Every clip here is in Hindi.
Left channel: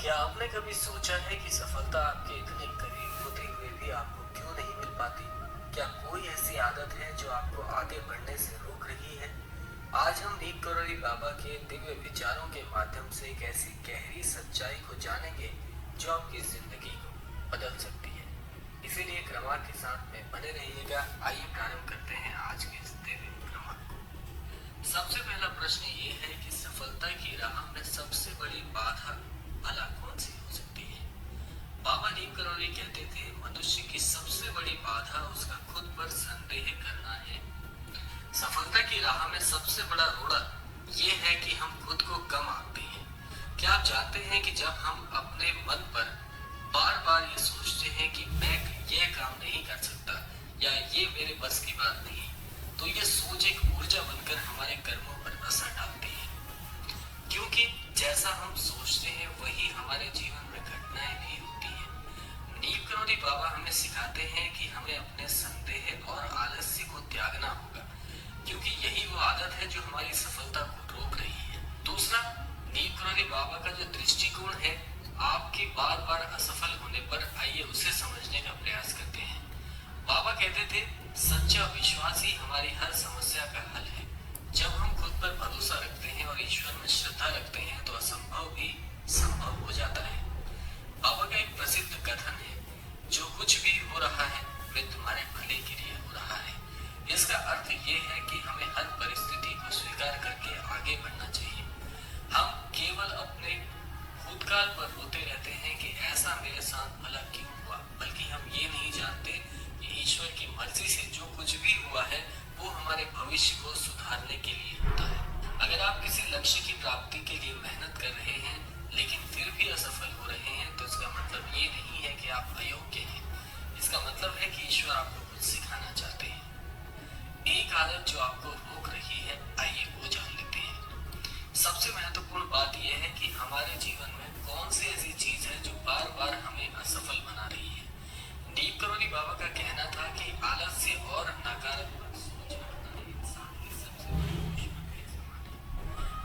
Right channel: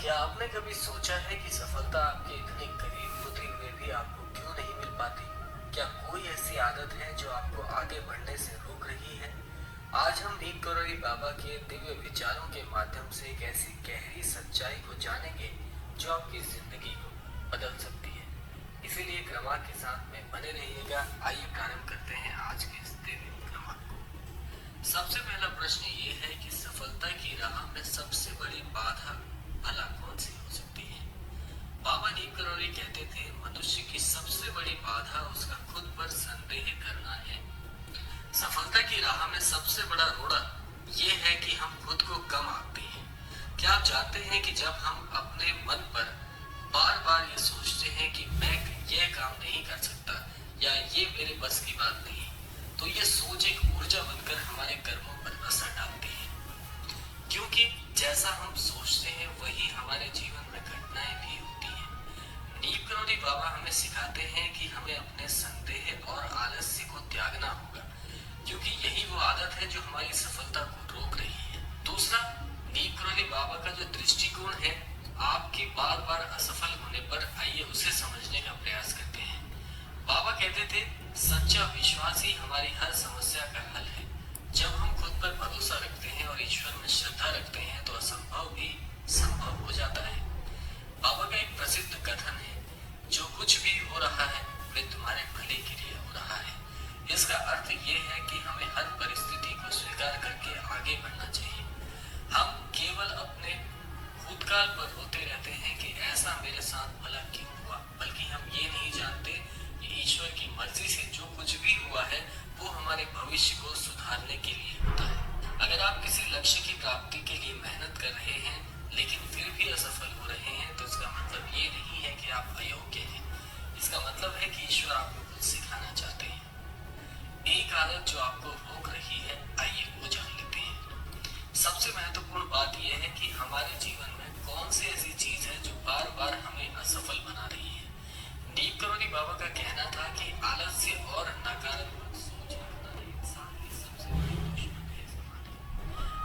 क्या आपने कभी सोचा है कि सफलता आपके इतने करीब होते हुए भी आपको क्यों नहीं मिल पाती? क्या कोई ऐसी आदत है जो आपको आगे बढ़ने से रोक रही है? आज हम नीम करोली बाबा के दिव्य विचारों के माध्यम से एक ऐसी गहरी सच्चाई को जानेंगे जो आपकी जिंदगी को बदल सकती है। इसीलिए क्रमांक के साथ में बने रहिएगा। आइए प्रारंभ करते हैं आज के इस दिव्य क्रमांक को। सबसे पहला प्रश्न ये है कि सफलता की राह में सबसे बड़ी बाधा भला कौन सी हो सकती है? बाबा नीम करोली कहते थे, मनुष्य की सबसे बड़ी बाधा उसका खुद पर संदेह करना है। सफलता की राह में सबसे बड़ा रोड़ा ये है कि हम खुद को कम आंकते हैं। क्या आप जानते हैं कि जब हम अपने मन पर बार बार ये सोचते हैं कि मैं ये काम नहीं कर सकता या ये मेरे बस की बात नहीं, तो ये सोच एक ऊर्जा बनकर हमारे कर्मों पर असर डालती है। क्योंकि जैसा हम सोचते हैं वही हमारे जीवन में घटनाएं भी होती हैं। नीम करोली बाबा हमें सिखाते हैं कि हमें अपने संदेह और आलस्य को त्यागना होगा, क्योंकि यही वो आदत है जो हमारी सफलता को रोक रही है। दूसरा, नीम करोली बाबा का जो दृष्टिकोण है आपके बार बार असफल होने पर, आइए उसे समझने का प्रयास करते हैं। बाबा कहते थे, सच्चा विश्वास ही हमारी हर समस्या का हल है। जब हम खुद पर भरोसा रखते हैं और ईश्वर में श्रद्धा रखते हैं तो असंभव भी संभव हो जाता है। बाबा का एक प्रसिद्ध कथन है, जो कुछ भी हो रहा है वह तुम्हारे भले के लिए हो रहा है। इसका अर्थ ये है कि हमें हर परिस्थिति को स्वीकार करके आगे बढ़ना चाहिए। हम केवल अपने भूतकाल पर रोते रहते हैं कि ऐसा मेरे साथ भला क्यों हुआ, बल्कि हम ये नहीं जानते कि ईश्वर की मर्जी से जो कुछ भी हुआ है वो हमारे भविष्य को सुधारने के लिए होता है। अगर आप किसी लक्ष्य की प्राप्ति के लिए मेहनत कर रहे हैं लेकिन फिर भी असफल हो रहे हैं, तो इसका मतलब ये नहीं है कि आप अयोग्य हैं। इसका मतलब है कि ईश्वर आपको कुछ सिखाना चाहते हैं। एक आदत जो आपको रोक रही है, आइए वो जान लेते हैं। सबसे महत्वपूर्ण बात यह है कि हमारे जीवन में कौन सी ऐसी चीज है जो बार बार हमें असफल बना रही है। नीम करोली बाबा का कहना था कि आलस्य और नकारात्मक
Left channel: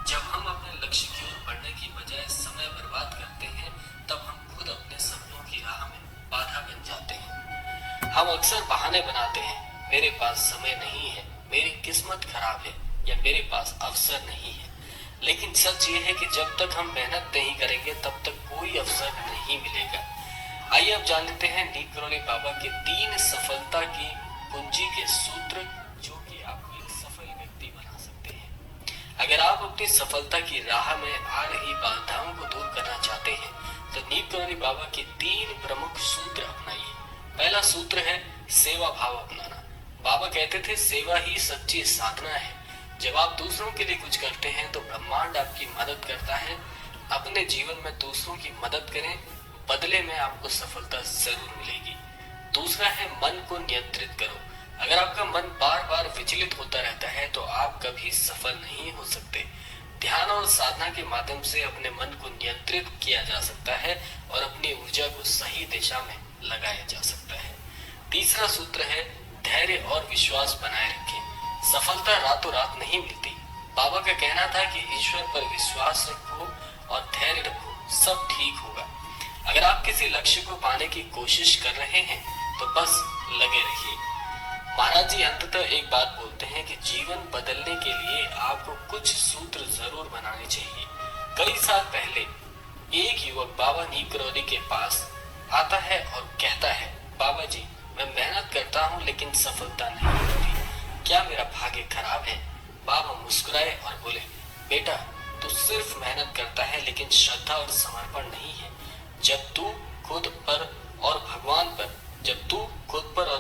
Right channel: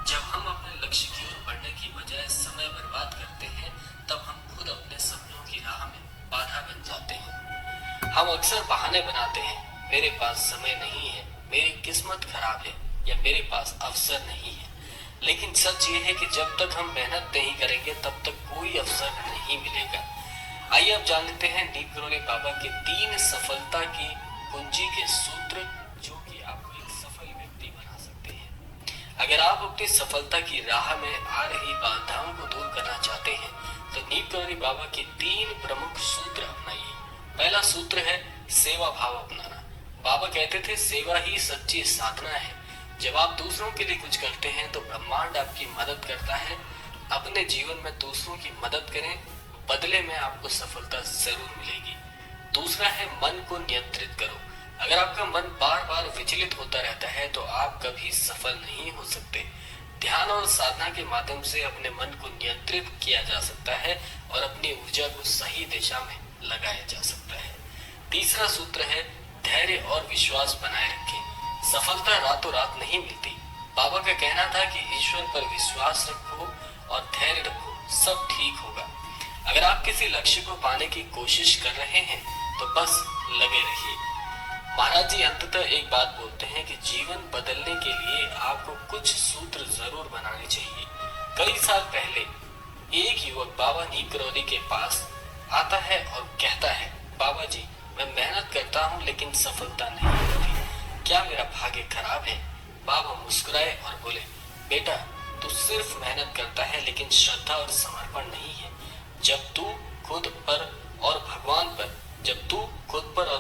जब हम अपने लक्ष्य की ओर बढ़ने की बजाय समय बर्बाद करते हैं, तब हम खुद अपने सपनों की राह में बाधा बन जाते हैं। हम अक्सर बहाने बनाते हैं, मेरे पास समय नहीं है, मेरी किस्मत खराब है या मेरे पास अवसर नहीं है। लेकिन सच ये है कि जब तक हम मेहनत नहीं करेंगे तब तक कोई अवसर नहीं मिलेगा। आइए अब जान लेते हैं नीम करोली बाबा के 3 सफलता की कुंजी के सूत्र, जो कि आपको एक सफल व्यक्ति बना सकते हैं। अगर आप अपनी सफलता की राह में आ रही बाधाओं को दूर करना चाहते हैं तो नीम करोली बाबा के 3 प्रमुख सूत्र अपनाइए। पहला सूत्र है सेवा भाव अपनाना। बाबा कहते थे, सेवा ही सच्ची साधना है। जब आप दूसरों के लिए कुछ करते हैं तो ब्रह्मांड आपकी मदद करता है। अपने जीवन में दूसरों की मदद करें, बदले में आपको सफलता जरूर मिलेगी। दूसरा है मन को नियंत्रित करो। अगर आपका मन बार बार विचलित होता रहता है तो आप कभी सफल नहीं हो सकते। ध्यान और साधना के माध्यम से अपने मन को नियंत्रित किया जा सकता है और अपनी ऊर्जा को सही दिशा में लगाया जा सकता है। तीसरा सूत्र है धैर्य और विश्वास बनाए रखें। सफलता रातों रात नहीं मिलती। बाबा का कहना था कि ईश्वर पर विश्वास रखो और धैर्य रखो, सब ठीक होगा। अगर आप किसी लक्ष्य को पाने की कोशिश कर रहे हैं तो बस लगे रहिए। महाराज जी अंततः एक बात बोलते हैं कि जीवन बदलने के लिए आपको कुछ सूत्र जरूर बनाने चाहिए। कई साल पहले एक युवक बाबा नीम करोली के पास आता है और कहता है, बाबा जी मैं मेहनत करता हूँ लेकिन सफलता नहीं मिलती, क्या मेरा भाग्य खराब है? बाबा मुस्कुराए और बोले, बेटा तू सिर्फ मेहनत करता है लेकिन श्रद्धा और समर्पण नहीं है। जब तू खुद पर और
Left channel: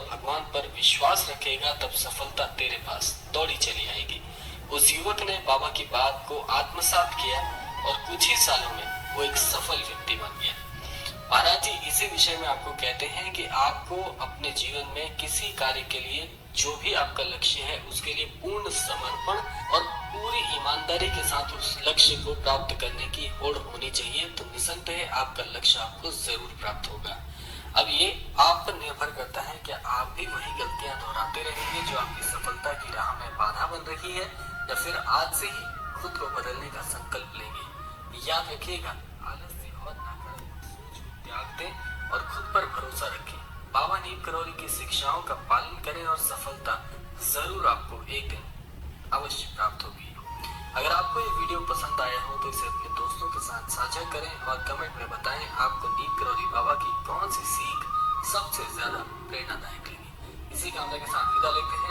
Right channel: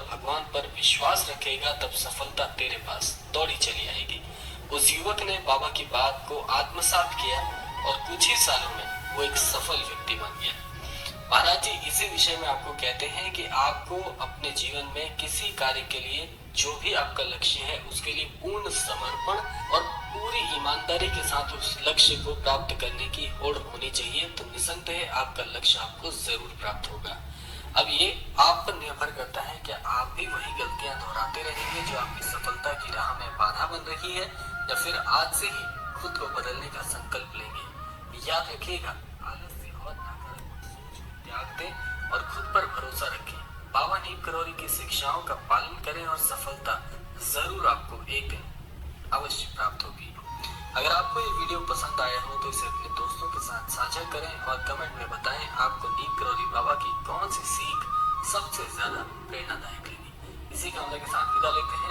भगवान पर विश्वास रखेगा तब सफलता तेरे पास दौड़ी चली आएगी। उस युवक ने बाबा की बात को आत्मसात किया और कुछ ही सालों में वो एक सफल व्यक्ति बन गया। महाराज जी इसी विषय में आपको कहते हैं कि आपको अपने जीवन में किसी कार्य के लिए, जो भी आपका लक्ष्य है, उसके लिए पूर्ण समर्पण और पूरी ईमानदारी के साथ उस लक्ष्य को प्राप्त करने की होड़ होनी चाहिए। तो निसंदेह आपका लक्ष्य आपको जरूर प्राप्त होगा। अब ये आप पर निर्भर करता है कि आप भी वही गलतियां दोहराते रहेंगे जो आपकी सफलता की राह में बाधा बन रही है, या फिर आज से ही खुद को बदलने का संकल्प लेंगे। याद रखिएगा, आलस्य हिम्मत ना करें, सोच को त्याग दें और खुद पर भरोसा रखें। बाबा नीम करौरी की शिक्षाओं का पालन करें और सफलता जरूर आपको एक दिन अवश्य प्राप्त होगी। अगर आपको ये वीडियो पसंद आया हो तो इसे अपने दोस्तों के साथ साझा करें और कमेंट में बताएं आपको नीम करौरी बाबा की कौन सी सीख सबसे ज्यादा प्रेरणादायक लगी। इसी कामना के साथ विदा लेते हैं।